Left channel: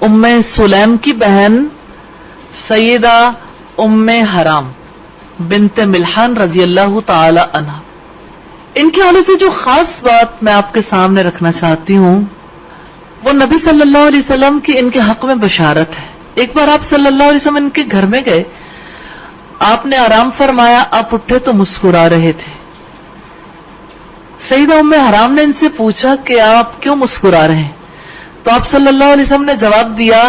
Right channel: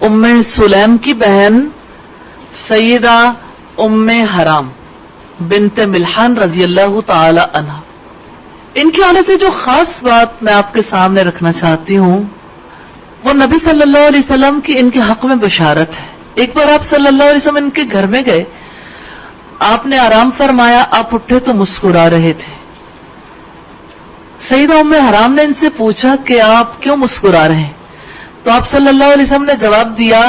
ام سلیم کی بہن سیدہ ام حرام بنت ملحان رضی اللہ تعالی عنہ، ان کے آنے سے جو خاص بات میں آپ کے سامنے رکھنا چاہتی ہوں وہ نبی صلی اللہ علیہ وسلم کی ان کے حق میں بشارت ہے۔ ایک بار آپ صلی اللہ علیہ وسلم ان کے گھر میں گئے، آپ نے آرام فرمایا، آپ اٹھے تو مسکرا رہے تھے۔ سیدہ ام حرام نے ان سے پوچھا کہ آپ کیوں مسکرا رہے ہیں؟ تو آپ صلی اللہ علیہ وسلم نے جواب دیا،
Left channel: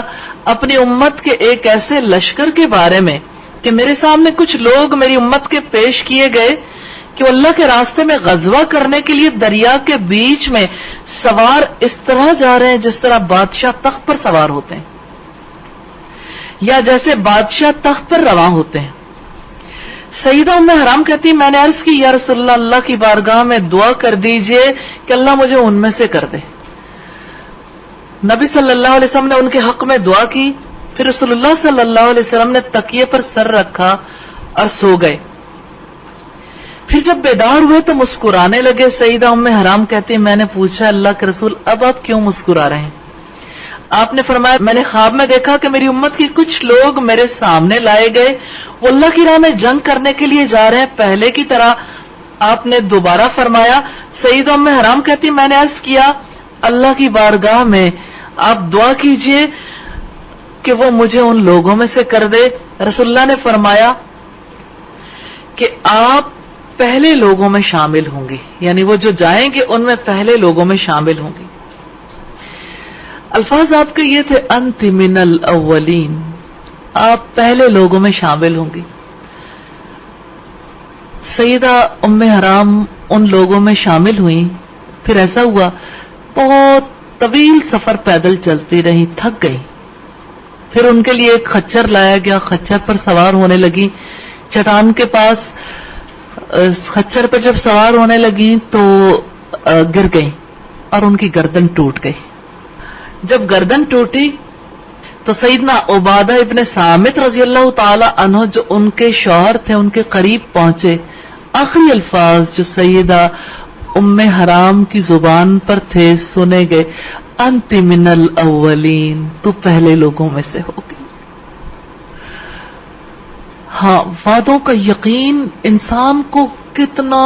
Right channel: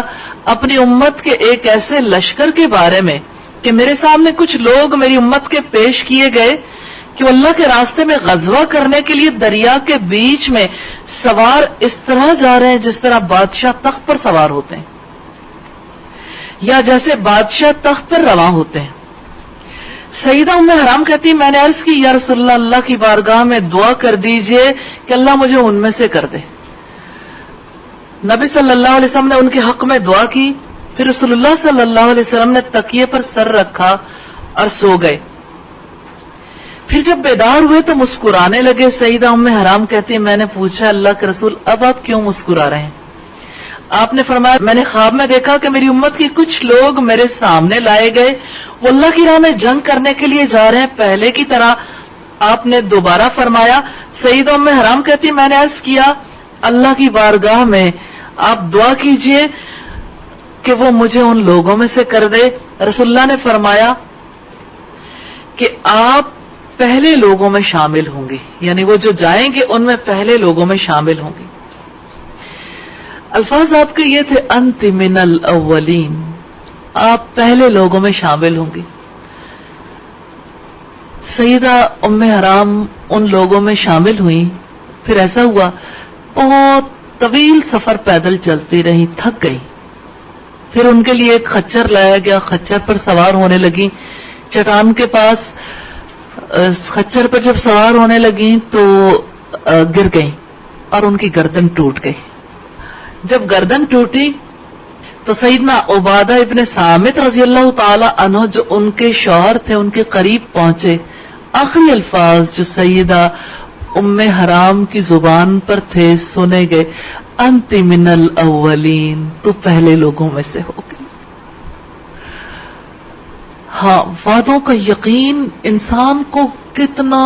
اپنی امت کے ایک ایسے لشکر کے بارے میں کہ میرے سامنے کچھ لوگ میری امت کے پیش کیے گئے کہ وہ اللہ کے راستے میں غزوہ کرنے کے لیے دریا کے بیچ میں سوار اس طرح جا رہے ہیں جس طرح بادشاہ تخت پر سوار ہوتے ہیں، یا جیسے بادشاہ تخت پر رواں ہوتے ہیں۔ سیدہ ام حرام کہتی، میں نے عرض کی، یا رسول اللہ، اللہ کی بارگاہ میں دعا کر دیجئے کہ اللہ مجھے ان میں سے کر دے۔ نبی صلی اللہ علیہ وسلم نے ان کے حق میں دعا کی، پھر رسول اللہ صلی اللہ علیہ وسلم نے تکیے پر سر رکھا اور سو گئے۔ پھر جب بیدار ہوئے تو مسکرانے لگے۔ سیدہ ام حرام کہتی، میں نے پوچھا، اللہ کے رسول اب آپ کیوں مسکرا رہے ہیں؟ آپ نے فرمایا، میں نے خواب میں دیکھا کہ میری امت کے کچھ لوگ میرے سامنے لائے گئے، وہ اللہ کی راہ میں جنگ کرنے کے لیے جا رہے ہیں پہلے کی طرح۔ آپ نے دوبارہ فرمایا۔ سیدہ ام حرام کہتی، میں نے عرض کیا، اللہ کی بارگاہ میں آپ دعا کیجئے کہ وہ مجھے ان لوگوں میں سے کر دے۔ رسول اللہ نے فرمایا کہ آپ پہلے لوگوں میں شامل ہوں گے، یعنی وہ جو جائیں گے ان میں پہلے لوگوں میں شامل ہوں گے۔ الفاظ آپ کے یہ تھے، انت من الاولین، آپ پہلے لوگوں میں شامل ہوں گی۔ سیدہ ام حرام ان لوگوں میں شامل ہوئی۔ پھر ایسا ہوا، بہت طویل سفر پیدل چلتی رہی، تھک گئی۔ پھر ان کے لیے ایک خچر لایا گیا، خچر پر سوار ہونے لگی۔ چٹان کے پاس خچر پر جب سوار ہونے لگی تو گر گئی اور ان کی گردن ٹوٹ گئی۔ جب گردن ٹوٹی تو سیدنا عبادہ ابن صامت رضی اللہ تعالی عنہ جو ان کے شوہر تھے ان کے قریب پہنچے۔ آخری الفاظ جو سیدہ ام حرام کی زبان پر تھے سنے گئے، انت من الاولین، تو پہلے لوگوں میں سے ہو گئے۔ ہاں، وعدوں کا یقین انسان کو کتنا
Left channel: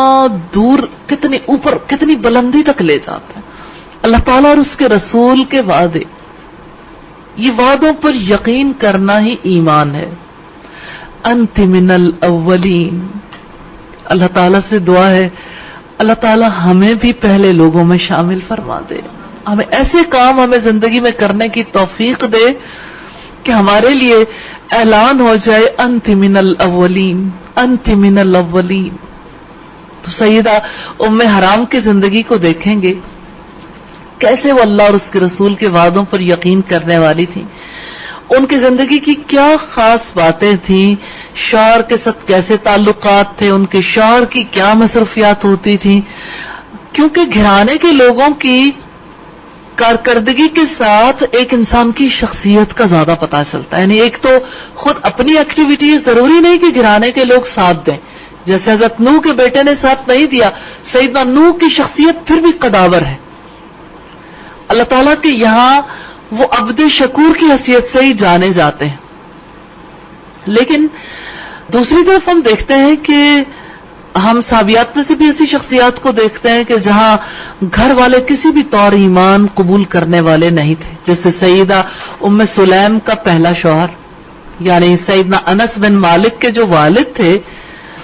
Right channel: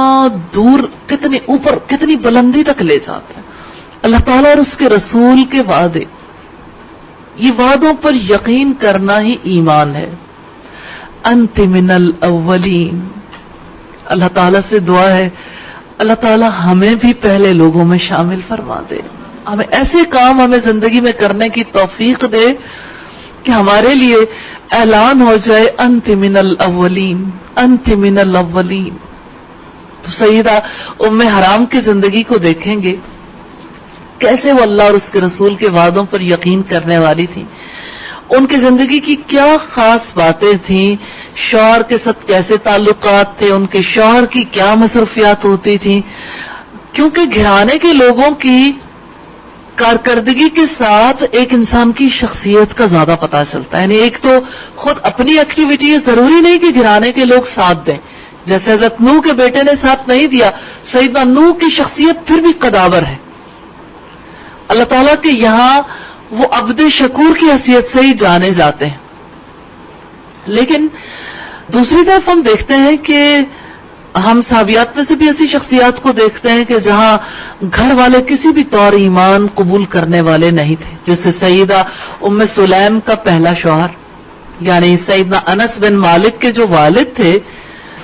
دور، کتنی اوپر، کتنی بلندی تک لے جاتا ہے۔ اللہ تعالیٰ اور اس کے رسول کے وعدے، یہ وعدوں پر یقین کرنا ہی ایمان ہے۔ انت من الاولین، اللہ تعالیٰ سے دعا ہے اللہ تعالیٰ ہمیں بھی پہلے لوگوں میں شامل فرما دے، ہمیں ایسے کام ہمیں زندگی میں کرنے کی توفیق دے کہ ہمارے لیے اعلان ہو جائے، انت من الاولین، انت من الاولین۔ تو سیدہ ام حرام کی زندگی کو دیکھیں گے، کیسے وہ اللہ اور اس کے رسول کے وعدوں پر یقین کرنے والی تھی۔ ان کی زندگی کی کیا خاص باتیں تھیں، شوہر کے ساتھ کیسے تعلقات تھے، ان کے شوہر کی کیا مصروفیات ہوتی تھیں، کیونکہ گھرانے کے لوگوں کی کارکردگی کے ساتھ ایک انسان کی شخصیت کا زیادہ پتہ چلتا ہے۔ یعنی ایک تو خود اپنی ایکٹیویٹی، ضروری نہیں کہ گھرانے کے لوگ ساتھ دیں، جیسے حضرت نوح کے بیٹے نے ساتھ نہیں دیا، سیدنا نوح کی شخصیت پھر بھی قداور ہے۔ اللہ تعالیٰ کے یہاں وہ عبد شکور کی حیثیت سے ہی جانے جاتے ہیں۔ لیکن دوسری طرف ہم دیکھتے ہیں کہ ہم صحابیات میں سے بھی ایسی شخصیات کو دیکھتے ہیں کہ جہاں گھر والے کسی بھی طور ایمان قبول کرنے والے نہیں تھے، جیسے سیدہ ام سلیم کا پہلا شوہر، یعنی سیدنا انس بن مالک کے جو والد تھے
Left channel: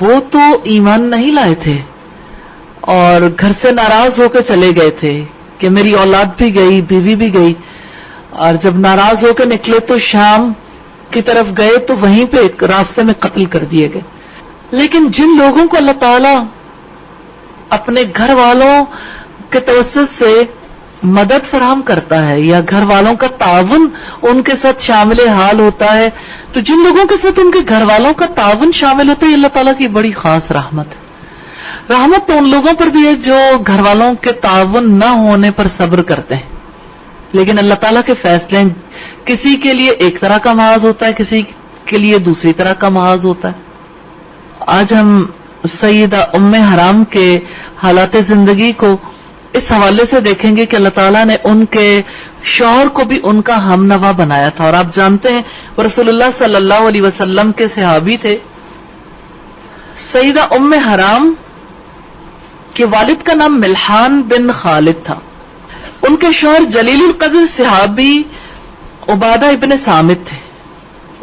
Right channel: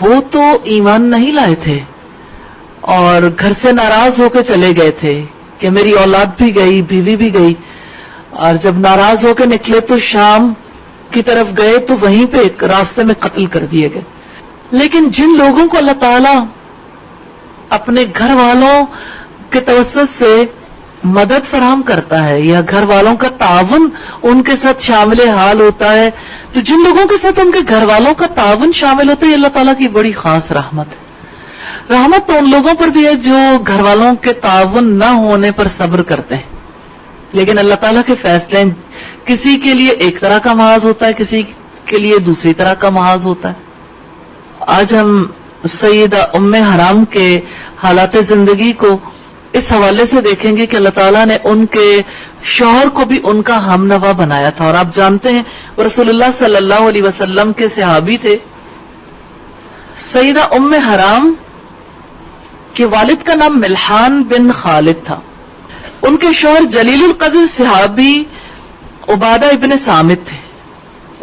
وہ تو ایمان نہیں لائے تھے اور گھر سے ناراض ہو کے چلے گئے تھے کہ میری اولاد بھی گئی، بیوی بھی گئی، اور جب ناراض ہو کے نکلے تو شام کی طرف گئے تو وہیں پہ ایک راستے میں قتل کر دیے گئے۔ لیکن جن لوگوں کو اللہ تعالیٰ اپنے گھر والوں کے توسط سے مدد فراہم کرتا ہے یا گھر والوں کا تعاون ان کے ساتھ شامل حال ہوتا ہے، تو جن لوگوں کے ساتھ ان کے گھر والوں کا تعاون شامل ہوتا ہے، یہ اللہ تعالیٰ کی بڑی خاص رحمت ہے۔ رحمت تو ان لوگوں پر بھی ہے جو گھر والوں کے تعاون نہ ہونے پر صبر کرتے ہیں، لیکن اللہ تعالیٰ کے فیصلے کسی کے لیے ایک طرح کا محاذ ہوتا ہے، کسی کے لیے دوسری طرح کا محاذ ہوتا ہے۔ آج ہم سیدہ ام حرام کے حالات زندگی کو اس حوالے سے دیکھیں گے کہ اللہ تعالیٰ نے ان کے شوہر کو بھی ان کا ہم نوا بنایا تھا. اور آپ جانتے ہیں وہ رسول اللہ صلی اللہ علیہ وسلم کے صحابی تھے. سیدہ ام حرام کے والد کا نام ملحان بن خالد تھا. ان کے شوہر جلیل القدر صحابی عبادہ ابن صامت تھے.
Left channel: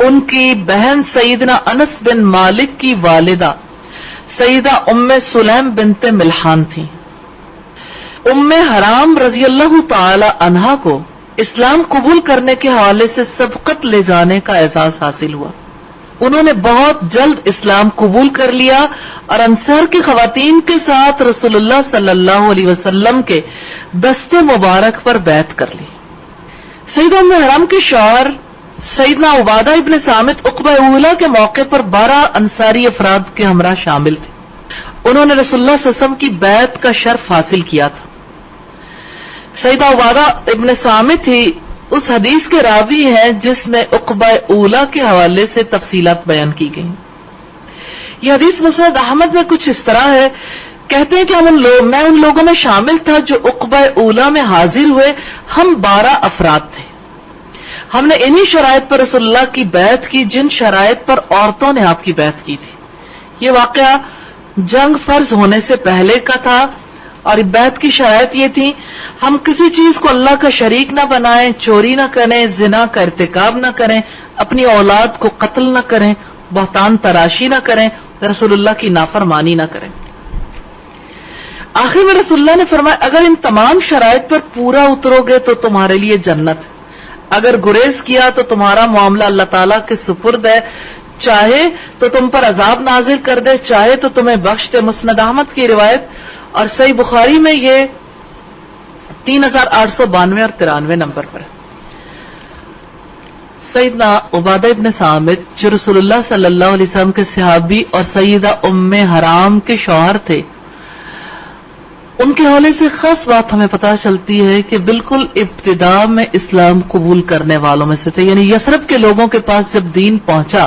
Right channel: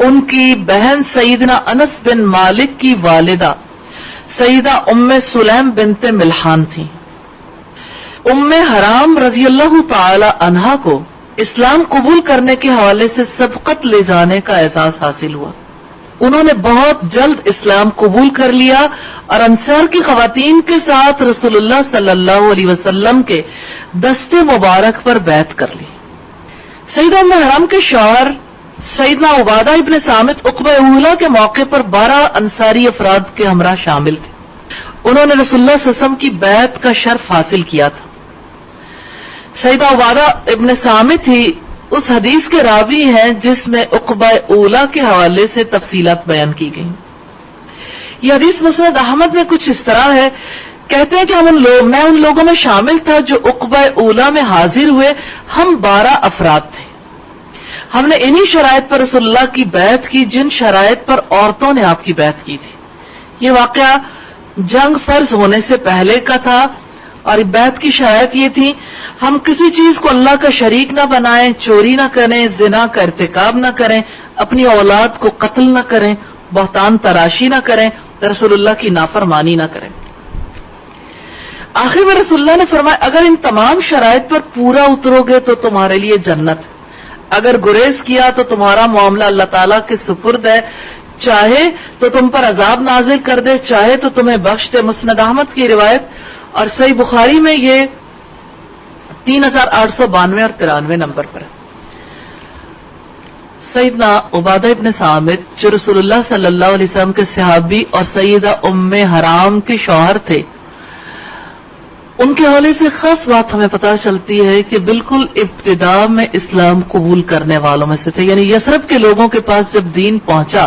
ان کی بہن سیدنا انس بن مالک کی والدہ سیدہ ام سلیم بنت ملحان تھی. ام حرام رضی اللہ تعالی عنہا کو اسلام قبول کرنے کے حوالے سے سبقت لے جانے کا اعزاز حاصل ہوا. انہوں نے بہت جلد اسلام قبول کر لیا اور انصار کی خواتین کے ساتھ رسول اللہ صلی اللہ علیہ وسلم کے دستے مبارک پر بیعت کر لی. سیدہ ام حرام کے شوہر سیدنا عبادہ ابن صامت عقبہ اولا کے موقع پر 12 انصاری افراد کے ہمراہ شامل تھے. انہوں نے رسول اللہ صلی اللہ علیہ وسلم کی بیعت کا شرف حاصل کیا تھا. سیدہ عبادہ ابن صامت ہی اس حدیث کے راوی ہے جس میں عقبہ اولا کے حوالے سے تفصیلات بیان کی گئی. یہ حدیث مسند احمد میں کچھ اس طرح ہے. کہتے ہیں کہ میں ان لوگوں میں شامل تھا جو عقبہ اولا میں حاضر ہوئے. ہم 12 افراد تھے. ہم نے انہی شرائط پر رسول اللہ کی بیعت کی جن شرائط پر عورتوں نے آپ کی بیعت کی تھی. یہ واقعہ جنگ فرض ہونے سے پہلے کا تھا اور بیعت کی شرائط یہ تھی: ہم کسی چیز کو اللہ کا شریک نہ بنائیں، چوری نہ کریں، زنا کا ارتکاب نہ کریں، اپنی اولاد کو قتل نہ کریں، بہتان تراشی نہ کریں، رسول اللہ کی نافرمانی نہ کریں. آخر میں رسول اللہ نے فرمایا اگر ان تمام شرائط پر پورا اترو گے تو تمہارے لیے جنت ہے. اگر گریز کیا تو تمہارا معاملہ اللہ تعالیٰ کے سپرد ہے. چاہے تو تم پر عذاب نازل کر دے، چاہے تو تمہیں بخش دے. مسند احمد کی روایت اور صحیح بخاری میں یہ 3892 اور 93 نمبر پر. سیدنا عبادہ ابن صامت جو رسول اللہ صلی اللہ علیہ وسلم کے صحابی اور سیدہ ام حرام کے شوہر تھے، ان کے حوالے سے خاص بات ہمیں پتہ چلتی ہے کہ بالکل ابتدا میں اسلام قبول کرنے والوں میں سے تھے. یعنی یثرب کے لوگوں کے پاس جب دین پہنچا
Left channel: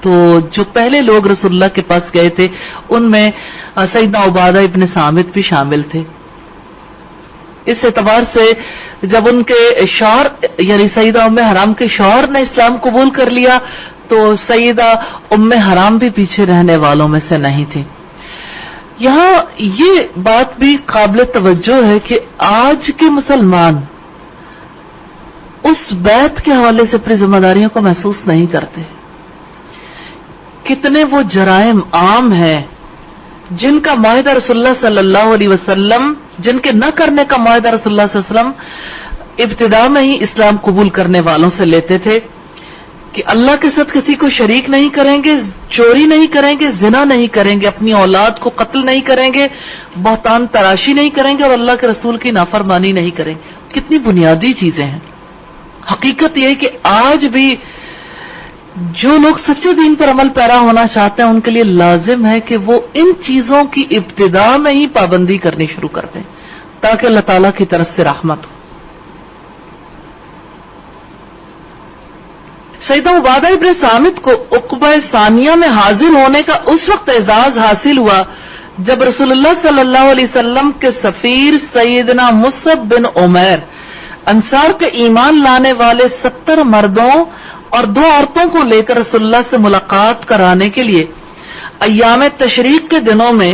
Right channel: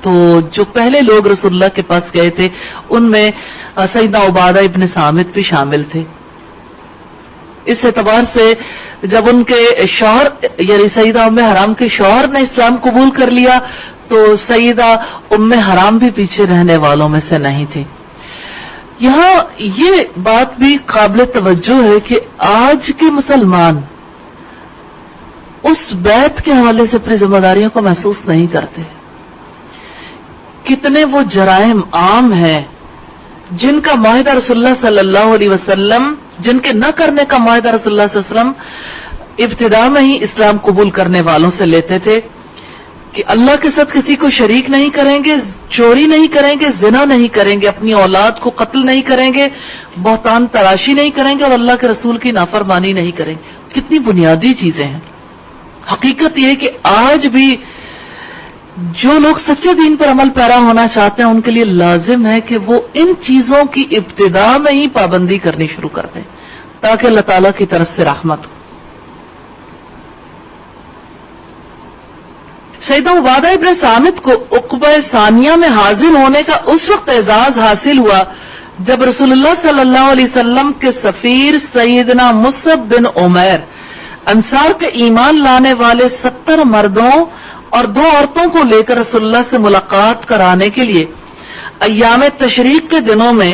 تو جو پہلے لوگ رسول اللہ کے پاس گئے تھے ان میں سیدنا عبادہ ابن صامت بھی شامل تھے. اس اعتبار سے جب ان کے شوہر یعنی سیدہ ام حرام کے شوہر نے اسلام قبول کر لیا تو سیدہ ام حرام بھی پیچھے رہنے والوں میں سے نہیں تھی. یہاں یہ بات بھی قابل توجہ ہے کہ آج کے مسلمان اس بیعت کے حوالے سے اپنی ذمہ داریوں کو محسوس نہیں کرتے. کتنے وہ جرائم عام ہیں جن کا معاہدہ رسول اللہ صلی اللہ علیہ وسلم جن کے نہ کرنے کا معاہدہ رسول اللہ صلی اللہ علیہ وسلم ابتدا میں ہی اسلام قبول کرنے والوں سے لیتے تھے کہ اللہ کے ساتھ کسی کو شریک نہیں کریں گے، چوری نہیں کریں گے، زنا نہیں کریں گے، اپنی اولاد کو قتل نہیں کریں گے، بہتان تراشی نہیں کریں گے اور اللہ کے رسول کی نافرمانی نہیں کریں گے. کتنی بنیادی چیزیں ہیں. حقیقت یہ ہے کہ آج بھی جو لوگ سچے دین پر عمل پیرا ہونا چاہتے ہیں ان کے لیے لازم ہے کہ وہ ان چیزوں کی ابتدا میں ہی پابندی کرنی شروع کر دیں تاکہ اللہ تعالیٰ کی طرف سے رحمت ہو. سیدہ عبادہ ابن صامت کو عقبہ ثانیہ میں حاضر ہونے کا اس وقت اعزاز حاصل ہوا جب رسول اللہ صلی اللہ علیہ وسلم کے سفیر سیدنا مصعب بن عمیر انصار کے ایمان لانے والے 70 مردوں اور 2 عورتوں کو لے کر رسول اللہ سے ملاقات کرانے کے لیے ایام تشریق کے دنوں میں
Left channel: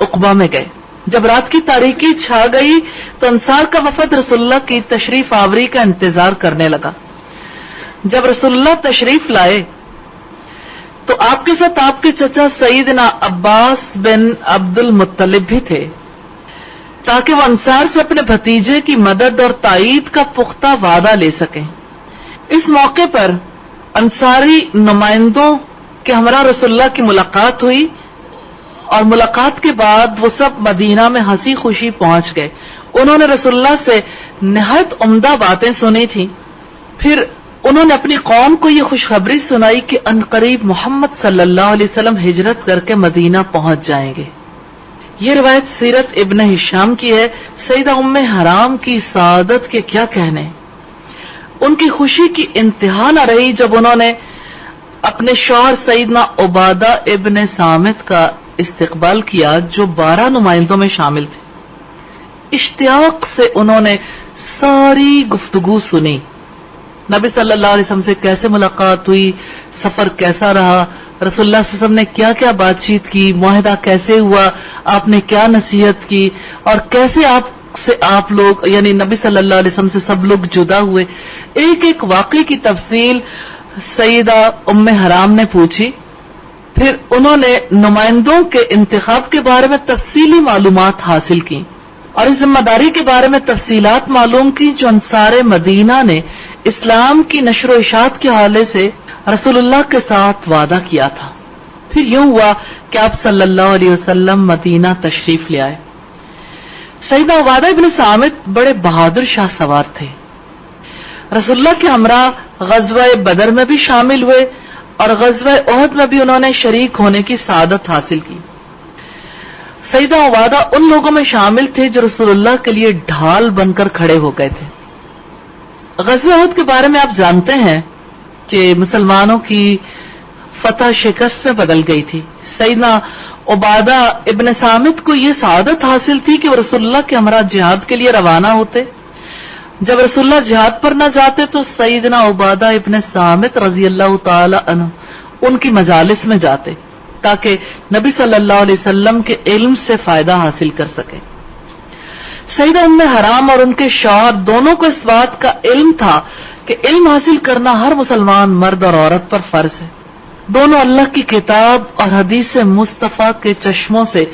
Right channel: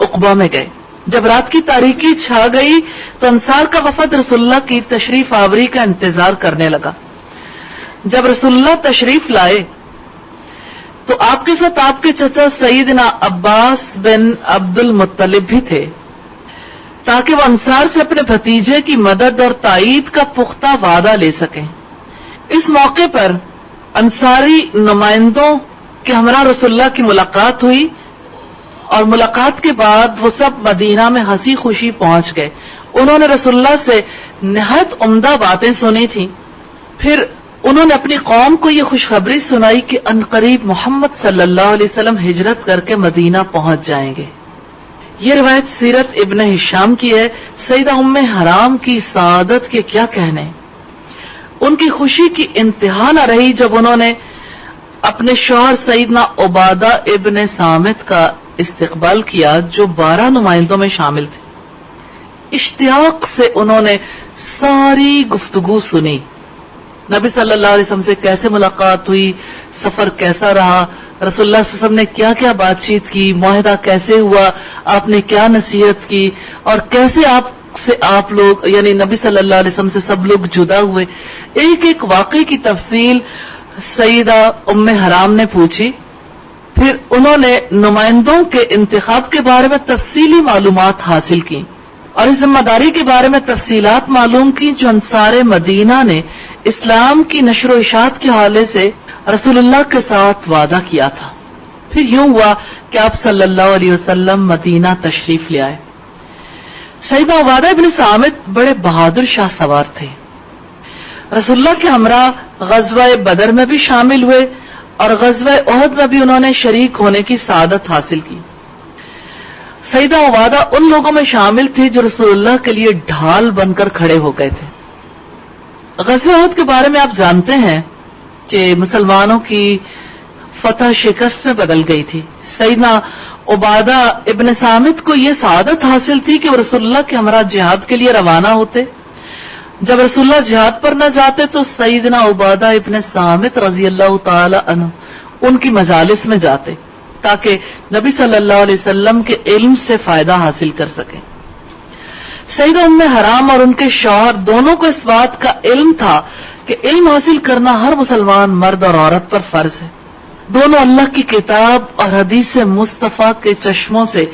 عقبہ میں گئے. جب رات کی تاریکی چھا گئی تو انصار کا وفد رسول اللہ کی تشریف آوری کا انتظار کرنے لگا. جب رسول اللہ تشریف لائے تو آپ کے ساتھ آپ کے چچا سیدنا عباس بن عبد المطلب بھی تھے تاکہ وہ انصار سے اپنے بھتیجے کی مدد اور تائید کا پختہ وعدہ لے سکیں. اس موقع پر انصاری نمائندوں کے ہمراہ رسول اللہ کی ملاقات ہوئی اور ملاقات کے بعد وہ سب مدینہ میں ہنسی خوشی پہنچ گئے. انہوں نے رسول اللہ سے نہایت عمدہ باتیں سنی تھی. پھر انہوں نے اپنی قوم کو یہ خوشخبری سنائی کہ عنقریب محمد صلی اللہ علیہ وسلم ہجرت کر کے مدینہ پہنچ جائیں گے. یہ روایت سیرت ابن ہشام کی ہے. سیدہ ام حرام کی سعادت کے کیا کہنے. ان کی خوشی کی انتہا نہ رہی جب انہوں نے اپنے شوہر سیدنا عبادہ ابن صامت کا استقبال کیا جو 12 نمائندوں میں شامل تھے. اشتیاق سے انہوں نے ساری گفتگو سنی. نبی صلی اللہ علیہ وسلم سے کیسے ملاقات ہوئی, سفر کیسا رہا, رسول اللہ صلی اللہ علیہ وسلم نے کیا کیا بات چیت کی, معاہدہ کیسے ہوا, آپ نے کیا نصیحت کی, اور کیسے آپ لوگ یعنی نبی صلی اللہ علیہ وسلم سے سب لوگ جدا ہوئے. ایک ایک واقعے کی تفصیل سیدہ ام حرام نے پوچھی. پھر انہوں نے نمائندوں کے انتخاب کے بارے میں تفصیلی معلومات حاصل کی اور اس ذمہ داری کے بارے میں تفصیلات معلوم کی جو انصار مدینہ نے اسلام کی نشر و اشاعت کے حوالے سے رسول اللہ کے ساتھ وعدہ کیا تھا. پھر یوں ہوا کہ آپ صلی اللہ علیہ وسلم مدینہ تشریف لے آئے. سیدنا عبادہ ابن صامت بڑے بہادر شاہ سوار تھے. رسول اللہ کے ہمراہ غزوہ بدر میں بھی شامل ہوئے اور غزوہ احد میں بھی انہوں نے شریک ہونے کی سعادت حاصل کی. سیدنا عبادہ ان لوگوں میں شامل تھے جو رسول اللہ کے لیے ڈھال بن کر کھڑے ہو گئے تھے. غزوہ احد کے بارے میں آپ جانتے ہیں کہ مسلمانوں کی فتح شکست میں بدل گئی تھی. سیدنا عبادہ ابن صامت کو یہ سعادت حاصل تھی کہ وہ رسول اللہ کے ہمراہ جہاد کے لیے روانہ ہوتے. جب رسول اللہ جہاد پر نہ جاتے تو سیدنا عبادہ ابن صامت رضی اللہ تعالی عنہ ان کی مجالس میں جاتے تاکہ نبی صلی اللہ علیہ وسلم کے علم سے فائدہ حاصل کر سکے. سیدہ ام حرام اور ان کے شوہر دونوں کو اس بات کا علم تھا کہ علم حاصل کرنا ہر مسلمان مرد اور عورت پر فرض ہے. دونوں اللہ کی کتاب اور حدیث مصطفیٰ کے چشموں سے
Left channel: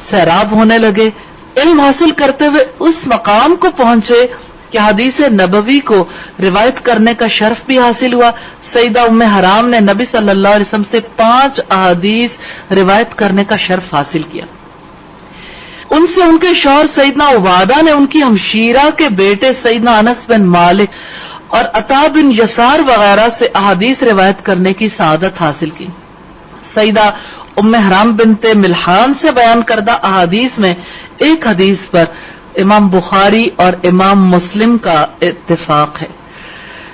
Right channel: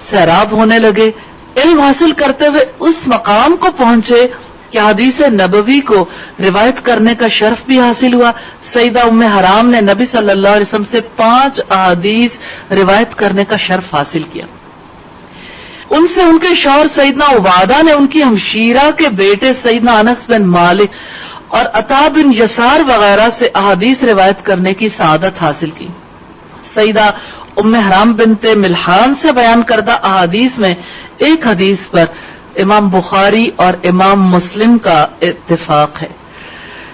سیراب ہونے لگے. علم حاصل کرتے ہوئے اس مقام کو پہنچے کہ حدیث نبوی کو روایت کرنے کا شرف بھی حاصل ہوا. سیدہ ام حرام نے نبی صلی اللہ علیہ وسلم سے 5 احادیث روایت کرنے کا شرف حاصل کیا. ان سے ان کے شوہر سیدنا عبادہ نے ان کی ہمشیرہ کے بیٹے سیدنا انس بن مالک اور عطا بن یسار وغیرہ سے احادیث روایت کرنے کی سعادت حاصل کی. سیدہ ام حرام بنت ملحان سے بیان کردہ احادیث میں ایک حدیث پر امام بخاری اور امام مسلم کا اتفاق ہے.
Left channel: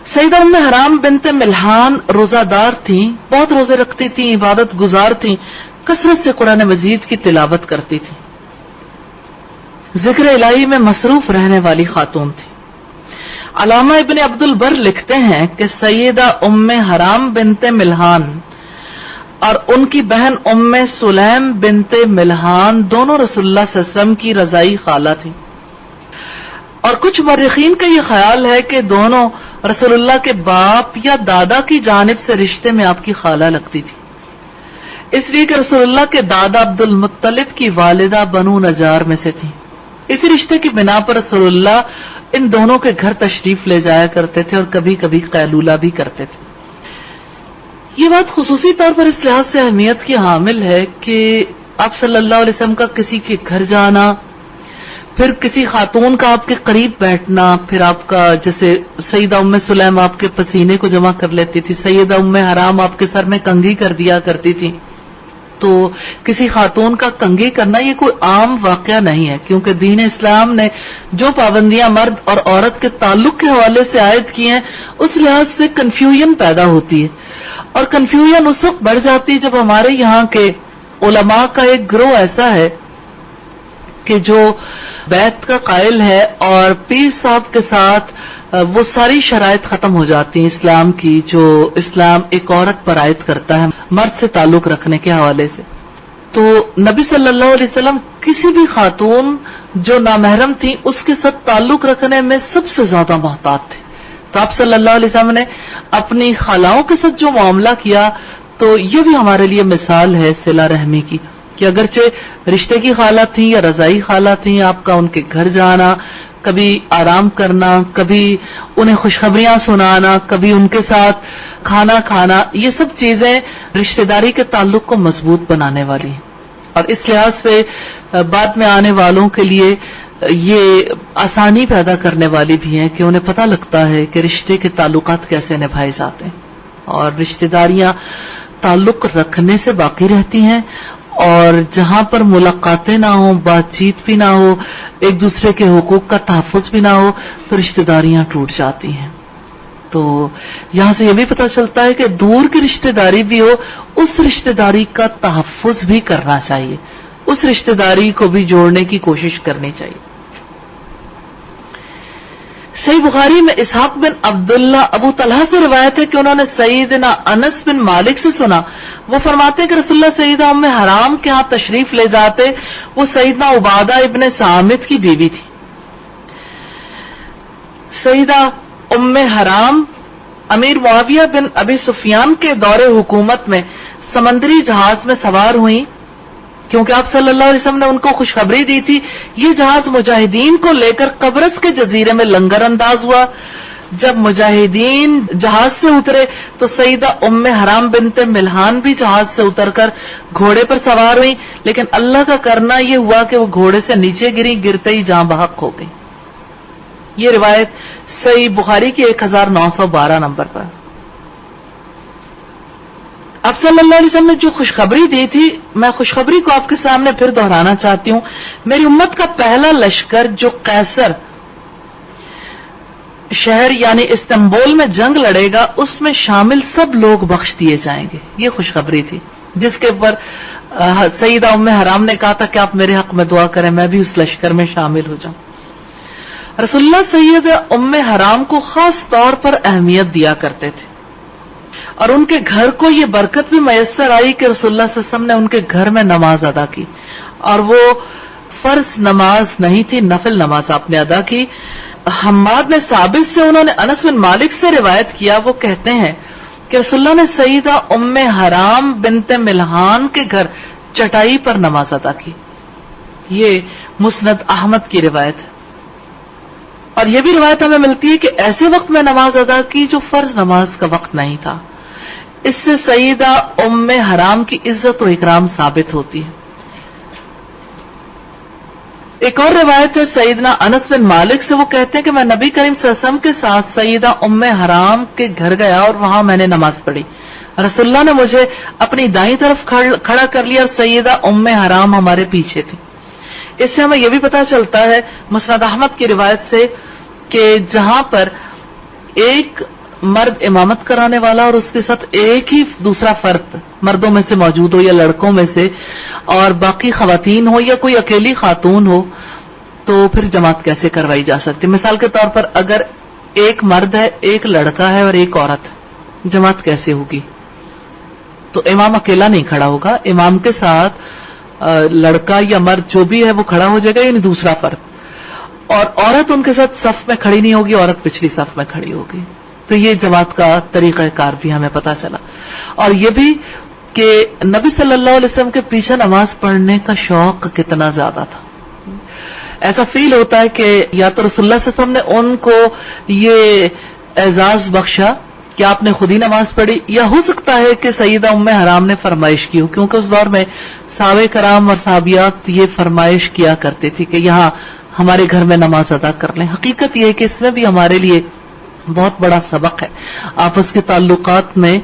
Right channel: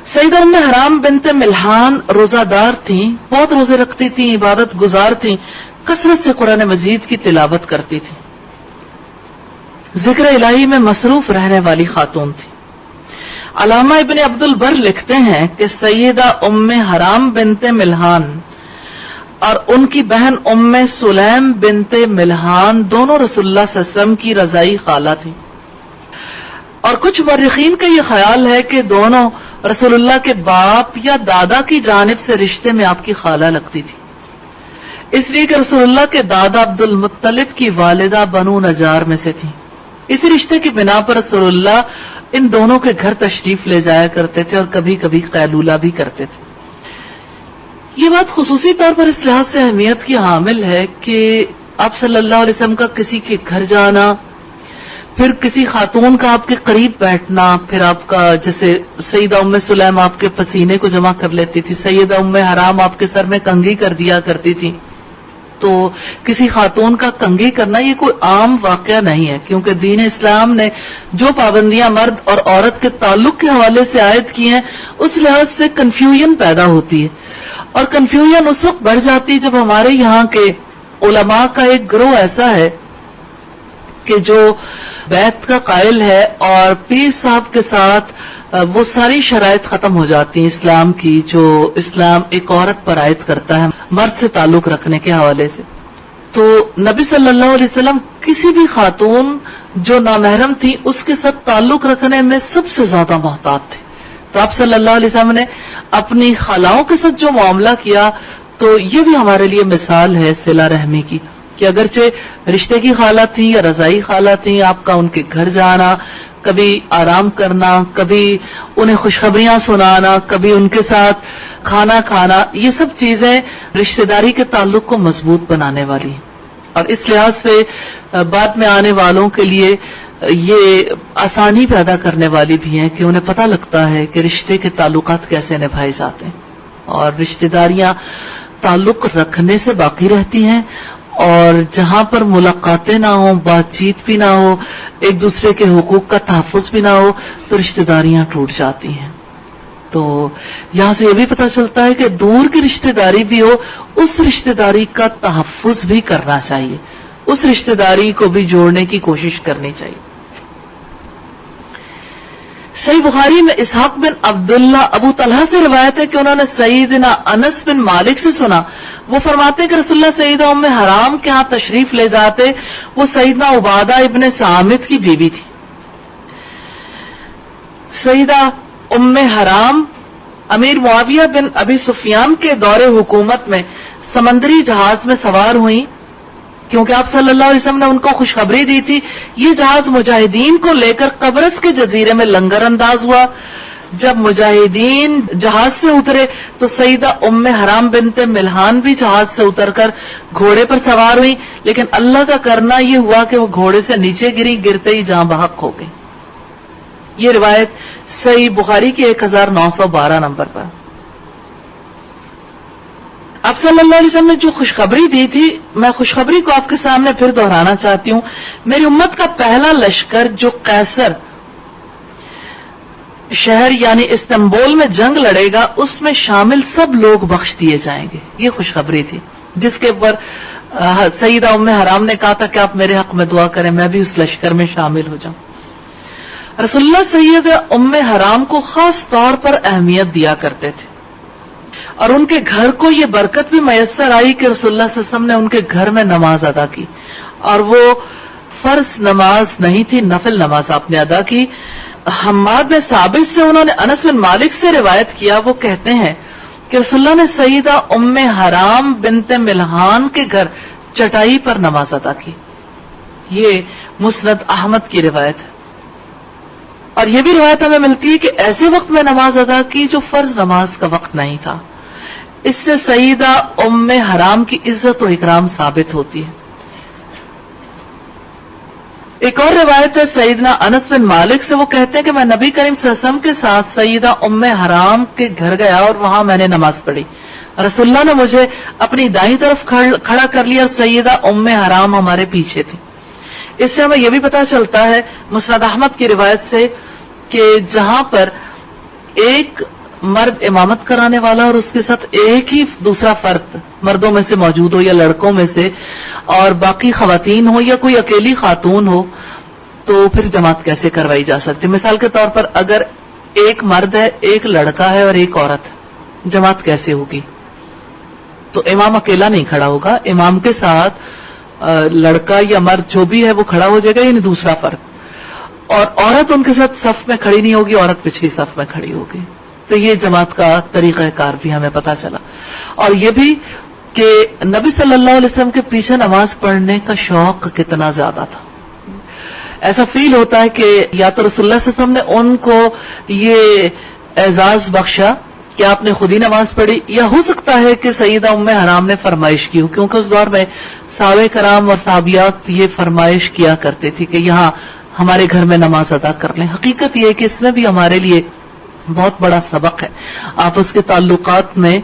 سیدہ ام حرام بنت ملحان روزہ دار تھیں, بہت روزے رکھتی تھیں, عبادت گزار تھیں, کثرت سے قرآن مجید کی تلاوت کرتی تھیں, ذکر الہی میں مصروف رہنے والی خاتون تھی. علامہ ابن عبد البر لکھتے ہیں کہ سیدہ ام حرام بنت ملحان اور ان کی بہن ام سلیم بنت ملحان دونوں رسول اللہ صلی اللہ علیہ وسلم کی رضائی خالہ تھیں. اور کچھ مورخین کا یہ خیال ہے کہ دونوں رسول اللہ کے باپ یا دادا کی جانب سے رشتے میں آپ کی خالہ لگتی تھی, اس لیے کہ رسول اللہ کے دادا عبد المطلب کی والدہ بنو نجار میں سے تھیں. اس رشتے کی بنا پر رسول اللہ ان دونوں کے گھر تشریف لے جایا کرتے تھے اور کبھی کبھی قیلولہ بھی کرتے تھے. یہ بات خصوصی طور پر اس لحاظ سے اہمیت کی حامل ہے کہ آپ صلی اللہ علیہ وسلم کا کسی کے گھر جانا, پھر کسی خاتون کا آپ کے قریب بیٹھنا, پھر آپ کا جیسے سیدہ ام سلیم آپ کے پسینے کو جمع کر لیتی تھی, سیدہ ام حرام آپ کے سر میں کنگھی کر دیا کرتی تھی. تو کسی خاتون کا کنگھی کرنا یہ کوئی عام واقعہ نہیں ہے, کیونکہ دین اسلام نے جو پابندیاں مرد اور عورت کے تعلق کے حوالے سے عائد کی ہیں اس لحاظ سے کنفیوژن پیدا ہوتی ہے. اور کنفیوژن اس وقت بڑھ جاتی ہے جب ہمارے یہاں کے علماء کا ایک گروہ ایسا ہے کہ جو بیعت کا قائل ہے اور پیر صاحب کے ساتھ وہ ساری شرائط ختم ہو جاتی ہیں اسلام کی جو اسلام ایک عورت پر عائد کرتا ہے مرد سے تعلق رکھنے کے حوالے سے. تو نبی صلی اللہ علیہ وسلم کسی بھی خاتون جو نامحرم تھی اس کے ساتھ تعلق رکھنے میں سب سے زیادہ محتاط تھے. تو آپ صلی اللہ علیہ وسلم نے اپنی خالاؤں کے ساتھ جو معاملہ کیا تو یہ بھی ہمارے لیے مثال ہے صلہ رحمی کی, کہ اگرچہ رشتے کی خالہ تھی یا رضائی خالہ تھی, آپ کا ان کے گھر جانا, کبھی آرام کرنا, کبھی انہیں خوشخبریاں سنانا, کبھی ان کے ساتھ کھانا کھانا, یہ سب چیزیں رشتہ داری کے تعلق کو مضبوط بنانے والی ہیں. اور اس لحاظ سے بعد میں آنے والوں کے لیے یہ آسانی پیدا کرنے والی بھی ہے کہ انہیں پتہ لگتا ہے کہ رشتے کے تعلقات کیسے نبھائے جاتے ہیں, اور رشتہ داریاں تعلق رکھنے سے باقی رہتی ہیں, اور جہاں پر ملاقاتیں نہ ہوں, بات چیت بھی نہ ہو, ایک دوسرے کے حقوق کا تحفظ بھی نہ ہو تو رشتہ داریاں ٹوٹ جاتی ہیں. تو یہاں سے یہ بھی پتہ چلتا ہے کہ دور کی رشتہ داری بھی ہو اس رشتہ داری کا تحفظ بھی کرنا چاہیے, اس رشتہ داری کو بھی جوڑنے کی کوشش کرنی چاہیے. صحیح بخاری میں اسحاق بن عبداللہ ابو طلحہ سے روایت ہے کہ انہوں نے سیدنا انس بن مالک سے سنا، وہ فرماتے کہ رسول اللہ سیدہ ام حرام کے ہاں تشریف لے جاتے، وہ سیدنا عبادہ ابن صامت کی بیوی تھی۔ سیدہ ام حرام امیر معاویہ بن ابی سفیان کے دور حکومت میں سمندری جہاز میں سوار ہوئی، کیونکہ آپ صلی اللہ علیہ وسلم نے ان کو خوشخبری دی تھی۔ یہ جہاز مجاہدین کو لے کر قبرص کے جزیرے میں لنگر انداز ہوا۔ جب مجاہدین جہاز سے اترے تو سیدہ ام حرام بنت ملحان بھی جہاز سے اتر کر گھوڑے پر سوار ہوئی، لیکن اللہ کا کرنا یہ ہوا کہ وہ گھوڑے سے نیچے گری، گرتے ہی جاں بحق ہو گئی۔ یہ روایت صحیح بخاری کی 1912 نمبر پر۔ اب صلی اللہ علیہ وسلم نے جو خوشخبری دی تھی، میں خوشخبری کو آپ کے سامنے پھر دہرانا چاہتی ہوں۔ میری امت کا پہلا لشکر جو قیصر شہر یعنی استنبول میں جنگ لڑے گا، اس میں شامل سب لوگ بخش دیے جائیں گے، یہ خوشخبری تھی، جس کے اوپر سیدہ ام حرام نے کہا تھا کہ آپ میرے حق میں دعا کریں، میں بھی اس لشکر میں شامل ہو جاؤں۔ رسول اللہ سیدہ ام حرام کو خاص طور پر اہمیت دیا کرتے تھے، اور ان کے گھر کو یہ برکت بھی میسر آئی کہ رسول اللہ صلی اللہ علیہ وسلم نے ان کے گھر میں نماز ادا کی، اور وہ فرض نماز نہیں تھی، نفل نماز آپ نے ادا کی۔ حماد نے ثابت سے انہوں نے انس بن مالک سے روایت کیا، وہ کہتے ہیں کہ رسول اللہ نے سیدہ ام حرام بنت ملحان کے گھر چٹائی پر نماز ادا کی۔ یہ مسند احمد کی روایت ہے، اور یہ بھی روایت ہمیں ملتی ہے کہ ایسے وقت میں نماز ادا کی جو فرض نماز کا وقت نہیں تھا۔ اس سے سیدہ ام حرام کی عزت و اکرام ثابت ہوتی ہے۔ ایک اور روایت ہے سیدنا انس بن مالک سے، وہ کہتے ہیں کہ میں نبی کریم صلی اللہ علیہ وسلم کے ساتھ سیدہ ام حرام کے گھر گیا اور وہاں میں نے نماز پڑھی۔ رسول اللہ نے مجھے اپنی دائیں طرف کھڑا کر لیا اور سیدہ ام حرام ہمارے پیچھے تھی۔ اس سے ہمیں یہ بھی پتا چلتا ہے مسند احمد کی روایت سے کہ جہاں پر ایک مرد امامت کرانے والا اور اس کے ساتھ ایک ہی دوسرا فرد مردوں میں سے موجود ہو یا لڑکوں میں سے، اور باقی خواتین ہو یا کوئی اکیلی خاتون ہو، تو پھر جماعت کیسے کروائی جا سکتی؟ مثال کے طور پر اگر ایک مرد ہے، ایک لڑکا ہے اور ایک عورت، جماعت کیسے ہوگی؟ تو امام اکیلا نہیں کھڑا ہوگا، امام کے ساتھ لڑکا یا مرد جو بھی ہے وہ کھڑا ہو جائے گا، یعنی دوسرا فرد، اور عورت ان کے ساتھ صف میں کھڑی نہیں ہوگی، عورت پچھلی صف میں کھڑی ہوگی۔ تو یہ جماعت کا طریقہ کار بھی ہمیں پتا چلا، اور یہ بھی کہ نبی صلی اللہ علیہ وسلم کے پیچھے نماز پڑھنے کا شوق کتنا زیادہ تھا۔ ایسا فیل ہوتا ہے کہ یا تو رسول اللہ صلی اللہ علیہ وسلم نے ان کو یہ اعزاز بخشا کہ آپ نے خود ہی نماز پڑھی، یا ہو سکتا ہے کہ سیدہ ام حرام نے فرمائش کی ہو، کیونکہ اس دور میں صحابہ کرام اور صحابیات یہ فرمائش کیا کرتے تھے کہ یہاں ہمارے گھر میں نماز ادا کر لیں۔ حقیقت یہ ہے کہ اس میں بھی ہمارے لیے بہت بڑا سبق ہے۔ آپس کے تعلقات میں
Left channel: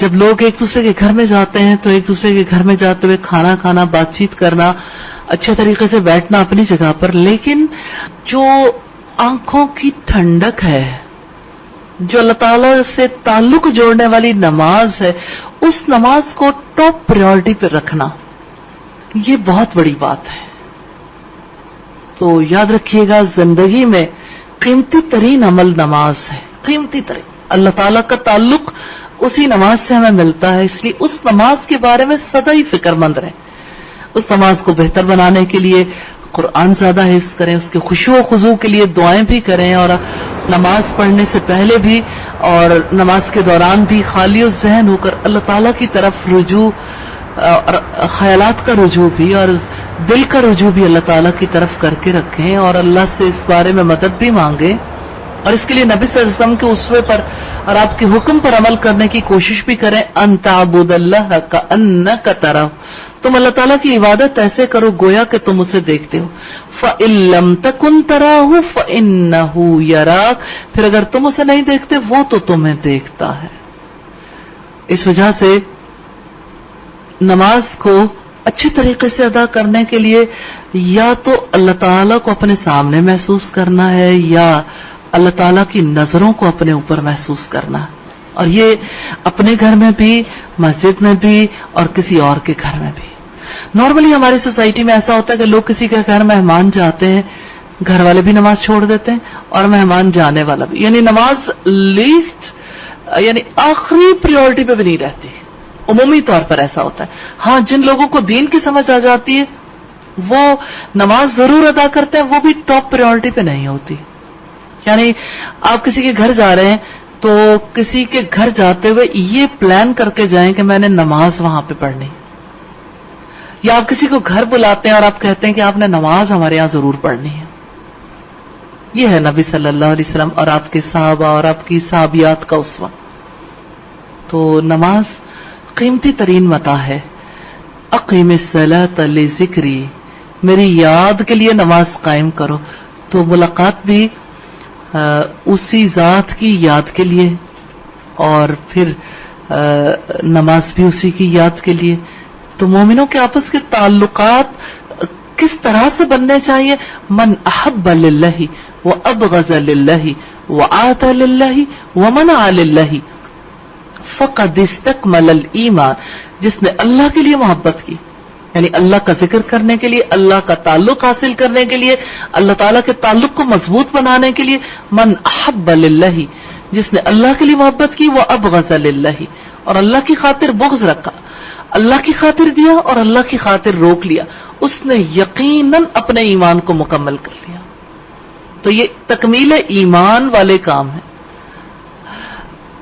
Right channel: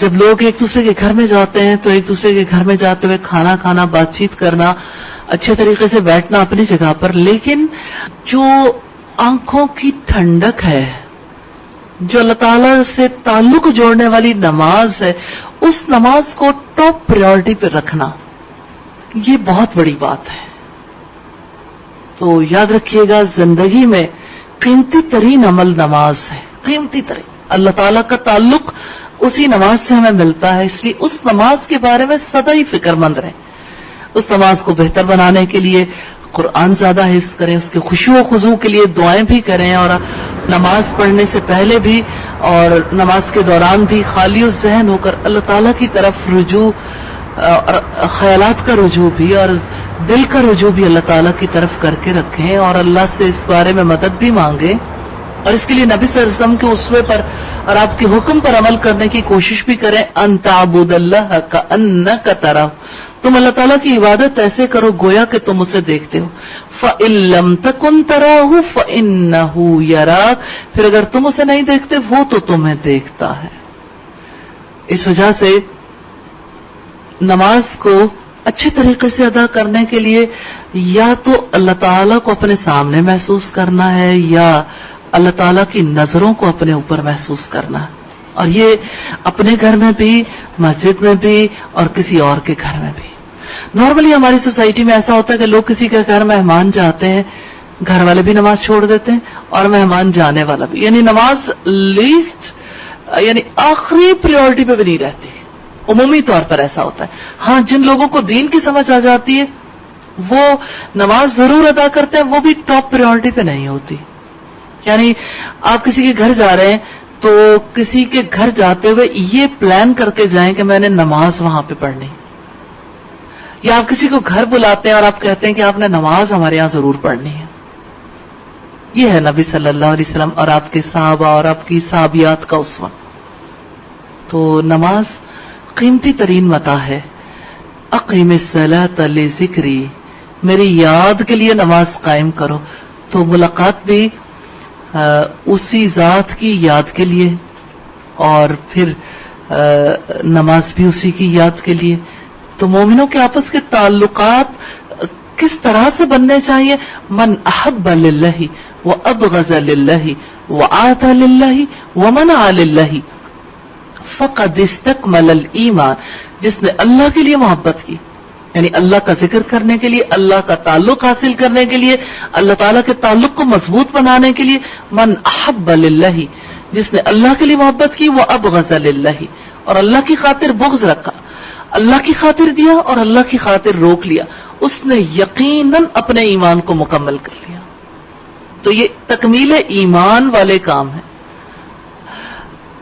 جب لوگ ایک دوسرے کے گھر میں جاتے ہیں تو ایک دوسرے کے گھر میں جاتے ہوئے کھانا کھانا، بات چیت کرنا، اچھے طریقے سے بیٹھنا اپنی جگہ پر، لیکن جو آنکھوں کی ٹھنڈک ہے، جو اللہ تعالی سے تعلق جوڑنے والی نماز ہے، اس نماز کو ٹاپ پریورٹی پہ رکھنا، یہ بہت بڑی بات ہے۔ تو یاد رکھیے گا، زندگی میں قیمتی ترین عمل نماز ہے، قیمتی ترین۔ اللہ تعالیٰ کا تعلق اسی نماز سے ہمیں ملتا ہے، اس لیے اس نماز کے بارے میں سدا ہی فکر مند رہیں۔ اس نماز کو بہتر بنانے کے لیے قرآن زیادہ حفظ کریں، اس کے خشوع و خضوع کے لیے دعائیں بھی کریں، اور نماز پڑھنے سے پہلے بھی اور نماز کے دوران بھی خالی ذہن ہو کر اللہ تعالیٰ کی طرف رجوع، اور خیالات کا رجوع بھی اور دل کا رجوع بھی اللہ تعالیٰ کی طرف کر کے رکھیں، اور اللہ سے اس بارے میں مدد بھی مانگیں، اور اس کے لیے نبی صلی اللہ علیہ وسلم کے اسوے پر اور آپ کے حکم پر عمل کرنے کی کوشش بھی کریں۔ ان تعبد اللہ کأنک ترہ، تم اللہ تعالیٰ کی عبادت ایسے کرو گویا کہ تم اسے دیکھتے ہو۔ فإن لم تکن تراہ فإنہ یراک، پھر اگر تم اسے نہیں دیکھتے وہ تو تمہیں دیکھتا ہے۔ اس وجہ سے نماز کو اچھی طریقے سے ادا کرنے کے لیے یا تو اللہ تعالیٰ کو اپنے سامنے محسوس کرنا ہے، یا اللہ تعالیٰ کی نظروں کو اپنے اوپر محسوس کرنا ہے، اور یہ اپنے گھر میں بھی، مسجد میں بھی، اور کسی اور کے گھر میں بھی۔ نارملی ہماری سوسائٹی میں ایسا ہوتا ہے کہ لوگ کسی کے گھر مہمان جاتے ہیں گھر والے بھی نماز چھوڑ دیتے ہیں اور مہمان جانے والا بھی، یعنی نماز لیسٹ یعنی آخری پریورٹی پہ بھی نہیں رہتی. عمومی طور پر ایسا ہوتا ہے. ہاں جن لوگوں کو دین کی سمجھ آ جاتی ہے وہ نماز ضرور ادا کرتے ہیں، وہ بھی ٹاپ پریورٹی پہ نہیں ہوتی. یعنی آپ کسی کے گھر جا رہے ہیں تو کسی کے گھر جاتے ہوئے یہ پلان کر کے جائیں کہ میں نے نماز وہاں پہ پڑھنی، یا آپ کسی کو گھر بلاتے ہیں اور آپ کہتے ہیں کہ آپ نے نماز ہمارے یہاں ضرور پڑھنی ہے. یہ ہے نبی صلی اللہ علیہ وسلم اور آپ کے صحابہ اور آپ کی صحابیات کا اسوہ. تو نماز قیمتی ترین متاع ہے. اقیم الصلاۃ لذکری، میری یاد کے لیے نماز قائم کرو. تو ملاقات بھی اسی ذات کی یاد کے لیے اور پھر نماز بھی اسی کی یاد کے لیے. تو مومنوں کے آپس کے تعلقات کس طرح سے بننے چاہیے؟ من احب للہ وابغض للہ وآتى للہ ومنع للہ فقد استکمل الایمان. جس نے اللہ کے لیے محبت کی، یعنی اللہ کا ذکر کرنے کے لیے، اللہ کا تعلق حاصل کرنے کے لیے، اللہ تعالیٰ کے تعلق کو مضبوط بنانے کے لیے. من احب للہ، جس نے اللہ کے لیے محبت کی، وہ ابغض للہ، اور اللہ کی خاطر بغض رکھا، اللہ کی خاطر دیا اور اللہ کی خاطر روک لیا، اس نے یقیناً اپنے ایمان کو مکمل کر لیا. تو یہ تکمیل ایمان والے کام ہیں.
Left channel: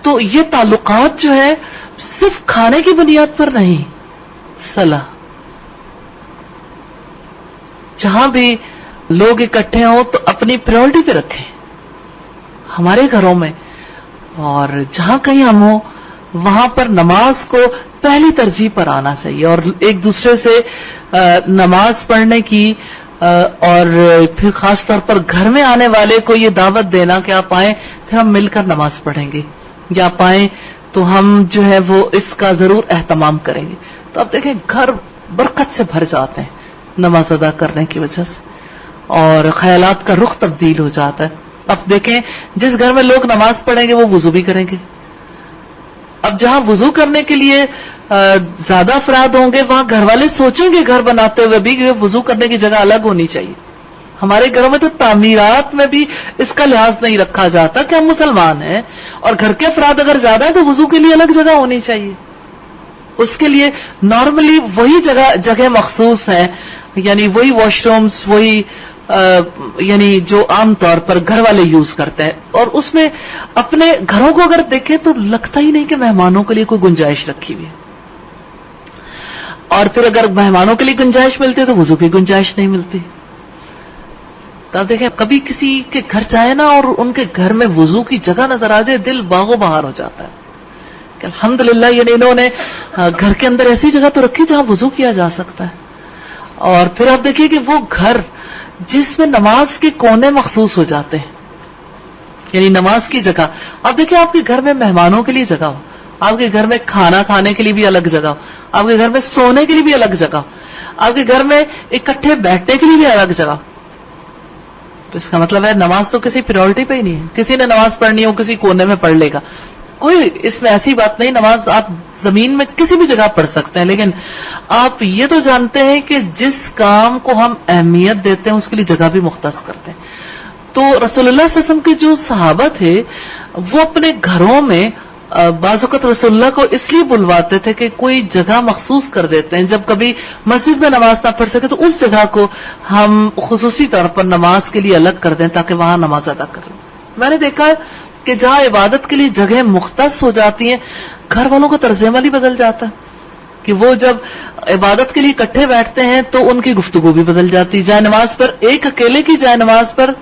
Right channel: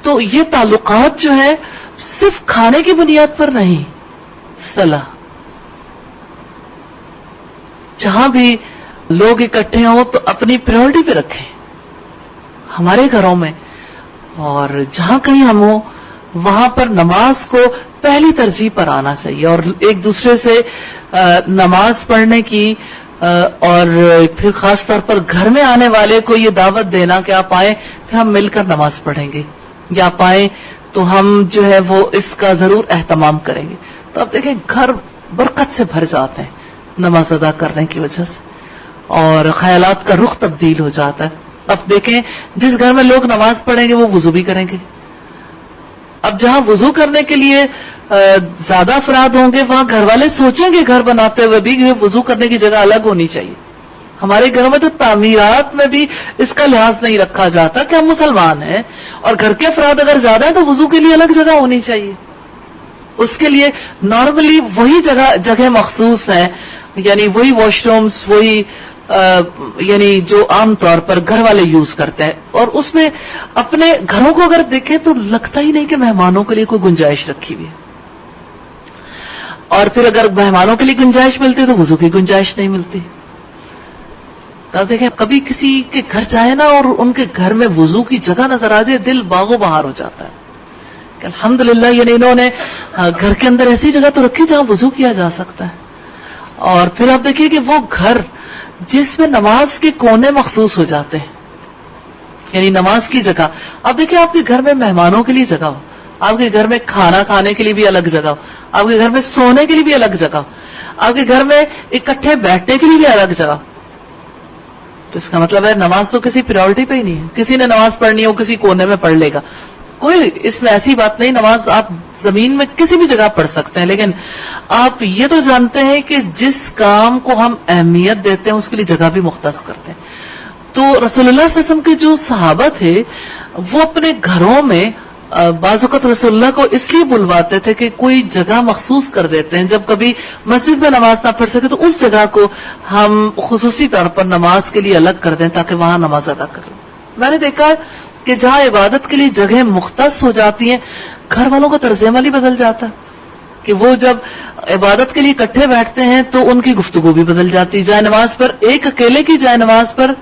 تو یہ تعلقات جو ہے صرف کھانے کی بنیاد پر نہیں، صلاح جہاں بھی لوگ اکٹھے ہوں تو اپنی پریورٹی پہ رکھیں. ہمارے گھروں میں اور جہاں کہیں ہم ہوں وہاں پر نماز کو پہلی ترجیح پر آنا چاہیے، اور ایک دوسرے سے نماز پڑھنے کی اور پھر خاص طور پر گھر میں آنے والے کو یہ دعوت دینا کہ آپ آئیں پھر ہم مل کر نماز پڑھیں گے، یا آپ آئیں تو ہم جو ہے وہ اس کا ضرور اہتمام کریں گے. تو اب دیکھیں گھر برکت سے بھر جاتے ہیں نماز ادا کرنے کی وجہ سے، اور خیالات کا رخ تبدیل ہو جاتا ہے. اب دیکھیں جس گھر میں لوگ نماز پڑھیں گے وہ وضو بھی کریں گے. اب جہاں وضو کرنے کے لیے زیادہ افراد ہوں گے وہاں گھر والے سوچیں گے گھر بناتے ہوئے بھی کہ وضو کرنے کی جگہ الگ ہونی چاہیے. ہمارے گھروں میں تو تعمیرات میں بھی اس کا لحاظ نہیں رکھا جاتا کہ ہم مسلمان ہیں اور گھر کے افراد اگر زیادہ ہیں تو وضو کے لیے الگ جگہ ہونی چاہیے. اس کے لیے نارملی وہی جگہ مخصوص ہے، یعنی وہی واش رومز، وہی یعنی جو عام طور پر گھر والے یوز کرتے ہیں. اور اس میں اپنے گھروں کو اگر دیکھیں تو لگتا ہی نہیں کہ مہمانوں کے لیے کوئی گنجائش رکھی ہوئی ہے. اور پھر اگر مہمانوں کے لیے گنجائش ملتی ہے تو وضو کی گنجائش نہیں ملتی. تو دیکھیں کبھی کسی کے گھر جائے نا اور ان کے گھر میں وضو کی جگہ نظر آ جائے دل باغوں بہار ہو جاتا ہے کہ الحمدللہ یعنی انہوں نے گھر کے اندر ایسی جگہ تو رکھی جہاں وضو کیا جا سکتا ہے. اور پھر آپ دیکھیے کہ وہ گھر جس میں نماز کے کونے مخصوص ہو جاتے ہیں، یعنی نماز کی جگہ. آپ دیکھیں آپ کے گھر میں مہمانوں کے لیے جگہ ہو، آپ کے گھر میں کھانا کھانے کے لیے بھی الگ جگہ ہو، آپ کے گھر میں سونے کے لیے بھی الگ جگہ ہو، آپ کے گھر میں اکٹھے بیٹھنے کے لیے بھی الگ جگہ. تو اس کا مطلب ہے نماز تو کسی پریورٹی پہ ہی نہیں ہے. کسی نے نماز پڑھنی ہو کسی کونے میں پڑھ لے گا، کوئی اس میں ایسی بات نہیں. نماز آپ زمین میں کسی بھی جگہ پڑھ سکتے ہیں، لیکن آپ یہ تو جانتے ہیں کہ جس کام کو ہم اہمیت دیتے ہیں اس کے لیے جگہ بھی مختص کرتے ہیں. تو رسول اللہ صلی اللہ علیہ وسلم کے جو صحابہ تھے وہ اپنے گھروں میں بعض اوقات رسول اللہ کو اس لیے بلواتے تھے کہ کوئی جگہ مخصوص کر دیتے ہیں، جب کبھی مسجد میں نماز نہ پڑھ سکے تو اس جگہ کو ہم خصوصی طور پر نماز کے لیے الگ کر دیں تاکہ وہاں نماز ادا کریں. میں نے دیکھا کہ جہاں عبادت کے لیے جگہ مختص ہو جاتی ہیں گھر والوں کا طرز عمل ہی بدل جاتا ہے کہ وہ جب عبادت کے لیے اکٹھے بیٹھتے ہیں تو ان کی گفتگو بھی بدل جاتی ہے. جائے نماز پر ایک اکیلے کی جائے نماز پر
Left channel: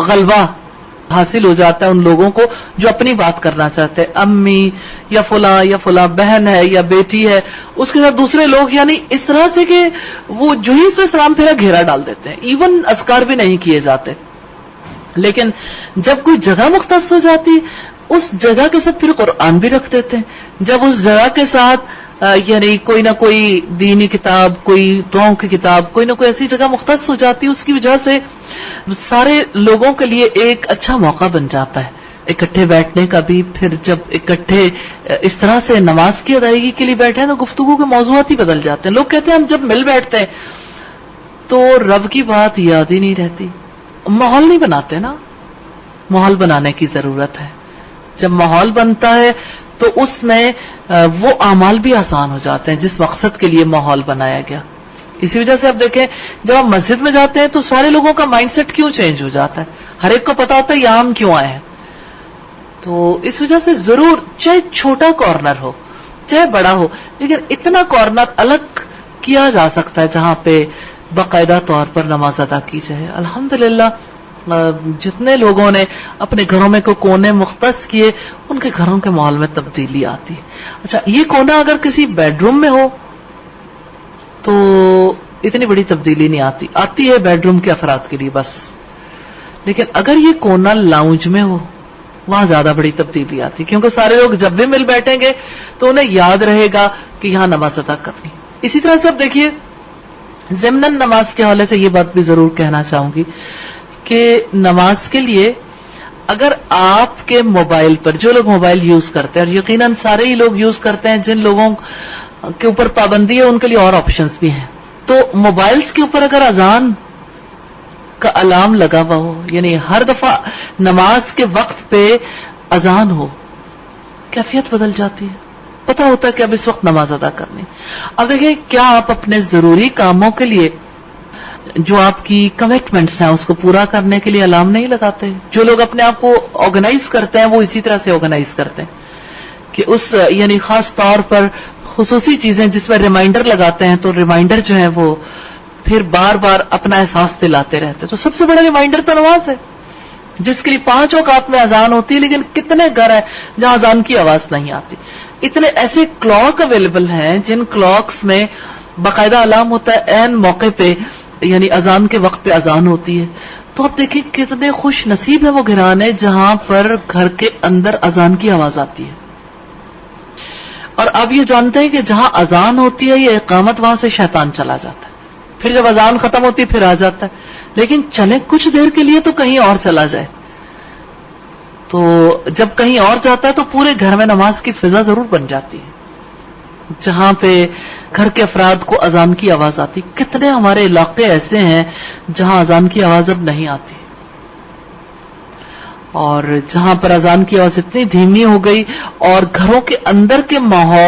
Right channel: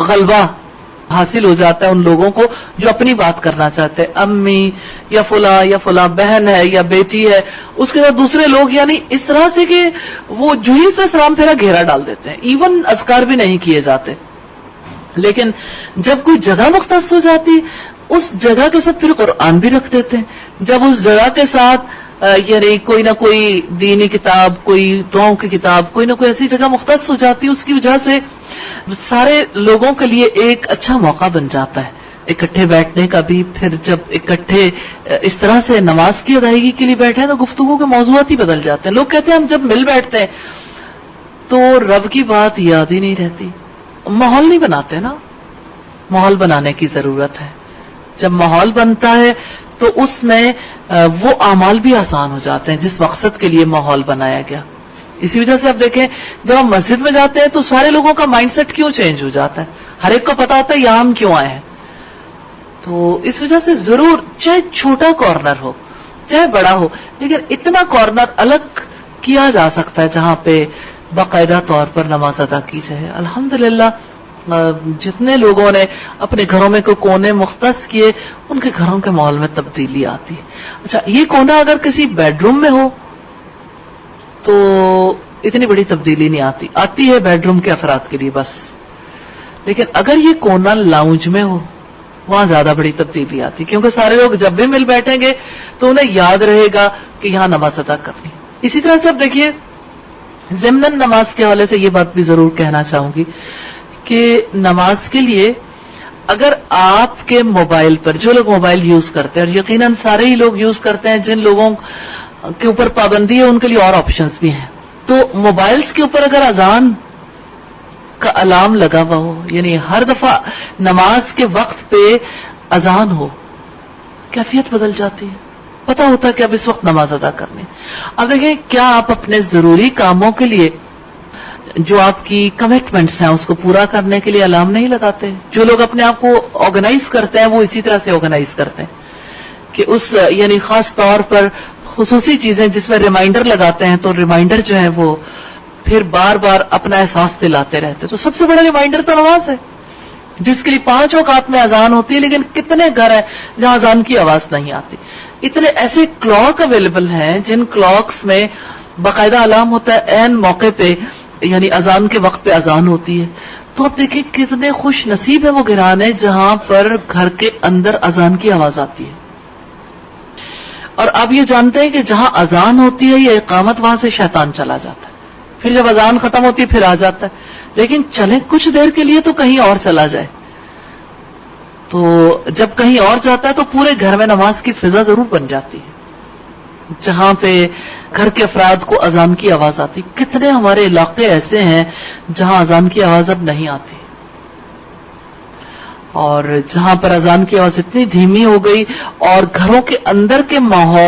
غلبہ حاصل ہو جاتا ہے ان لوگوں کو جو اپنی بات کرنا چاہتے ہیں، امی یا فلاں بہن ہے یا بیٹی ہے، اس کے ساتھ دوسرے لوگ، یعنی اس طرح سے کہ وہ جو ہی سے سلام پھیرا گھیرا ڈال دیتے ہیں، ایون اذکار بھی نہیں کیے جاتے. لیکن جب کوئی جگہ مختص ہو جاتی اس جگہ کے ساتھ پھر قرآن بھی رکھ دیتے ہیں. جب اس جگہ کے ساتھ یعنی کوئی نہ کوئی دینی کتاب، کوئی دعاؤں کی کتاب، کوئی نہ کوئی ایسی جگہ مختص ہو جاتی ہے، اس کی وجہ سے سارے لوگوں کے لیے ایک اچھا موقع بن جاتا ہے اکٹھے بیٹھنے کا بھی. پھر جب اکٹھے اس طرح سے نماز کی ادائیگی کے لیے بیٹھے نا گفتگو کے موضوعات ہی بدل جاتے ہیں. لوگ کہتے ہیں ہم جب مل بیٹھتے ہیں تو رب کی بات یاد ہی نہیں رہتی. ماحول نہیں بناتے نا, ماحول بنانے کی ضرورت ہے. جب ماحول بنتا ہے تو اس میں وہ اعمال بھی آسان ہو جاتے ہیں جس مقصد کے لیے ماحول بنایا گیا. اسی وجہ سے آپ دیکھیں جب آپ مسجد میں جاتے ہیں تو سارے لوگوں کا مائنڈ سیٹ کیوں چینج ہو جاتا ہے, ہر ایک کو پتا ہوتا ہے یہ ہم کیوں آئے ہیں. تو اس وجہ سے ضرور چاہے چھوٹا کارنر ہو چاہے بڑا ہو, لیکن اتنا کارنر الگ کیا جا سکتا ہے جہاں پہ باقاعدہ طور پر نماز ادا کی جائے. الحمدللہ جتنے لوگوں نے اپنے گھروں میں کونے مختص کیے ان کے گھروں کے ماحول میں تبدیلی آتی ہے. اچھا, یہ کونا اگر کسی بیڈ روم میں ہو تو اتنی بڑی تبدیلی نہیں آتی ہے بیڈ روم کے افراد کے لیے بس. لیکن اگر یہ کونا لاؤنج میں ہو وہاں زیادہ بڑی تبدیلی آتی, کیونکہ سارے لوگ جب بھی مل بیٹھیں گے تو انہیں یاد رہے گا کہ یہاں نماز ادا کرنی. اسی طرح سے اب دیکھیے ضمن نماز کے حوالے سے یہ بات بھی ضرور کہنا چاہوں گی کہ نماز کے لیے اگر آپ کے موبائل پر, جو لوگ موبائل یوز کرتے ہیں, اور یقیناً سارے ہی لوگ یوز کرتے ہیں, جن لوگوں کے اوپر پابندی ہے ان کے لیے اور آپشنز بھی ہیں, تو موبائلز کے اوپر اگر اذان کا الارم لگا ہوا ہو, یعنی ہر دفعہ نماز کے وقت پہ اذان ہو, کیفیت بدل جاتی ہے. پتا ہوتا ہے کہ اب اس وقت نماز ادا کرنی. اب دیکھیے کیا آپ اپنے ضروری کاموں کے لیے جو آپ کی کمٹمنٹس ہیں اس کو پورا کرنے کے لیے الارم نہیں لگاتے ہیں؟ جو لوگ اپنے آپ کو آرگنائز کرتے ہیں وہ اسی طرح سے آرگنائز کرتے ہیں کہ اس یعنی خاص طور پر خصوصی چیزیں جس میں ریمائنڈر لگاتے ہیں, تو ریمائنڈر جو ہے وہ پھر بار بار اپنا احساس دلاتے رہتے. تو سب سے بڑا ریمائنڈر تو نماز ہے جس کے لیے 5 اوقات میں اذان ہوتی ہے, لیکن کتنے گھر ہیں جہاں اذان کی آواز نہیں آتی. اتنے ایسے کلاک اویلیبل ہیں جن کلاکس میں باقاعدہ الارم ہوتا ہے عین موقع پہ, یعنی اذان کے وقت پہ اذان ہوتی ہے. تو آپ دیکھیں کتنے خوش نصیب ہیں وہ گھرانے جہاں پر گھر کے اندر اذان کی آواز آتی ہے. اور آپ یہ جانتے ہیں کہ جہاں اذان ہوتی ہے یا اقامت وہاں سے شیطان چلا جاتا ہے, پھر جب اذان ختم ہوتی ہے پھر آ جاتا ہے. لیکن چلے کچھ دیر کے لیے تو کہیں اور چلا جائے, تو جب کہیں اور جاتا ہے تو پورے گھر میں نماز کی فضا ضرور بن جاتی ہے جہاں پہ گھر کے افراد کو اذان کی آواز آتی. کتنے ہمارے علاقے ایسے ہیں جہاں اذان کی آواز اب نہیں آتی, اور جہاں پر اذان کی آواز اتنی دھیمی ہو گئی اور گھروں کے اندر کے ماحول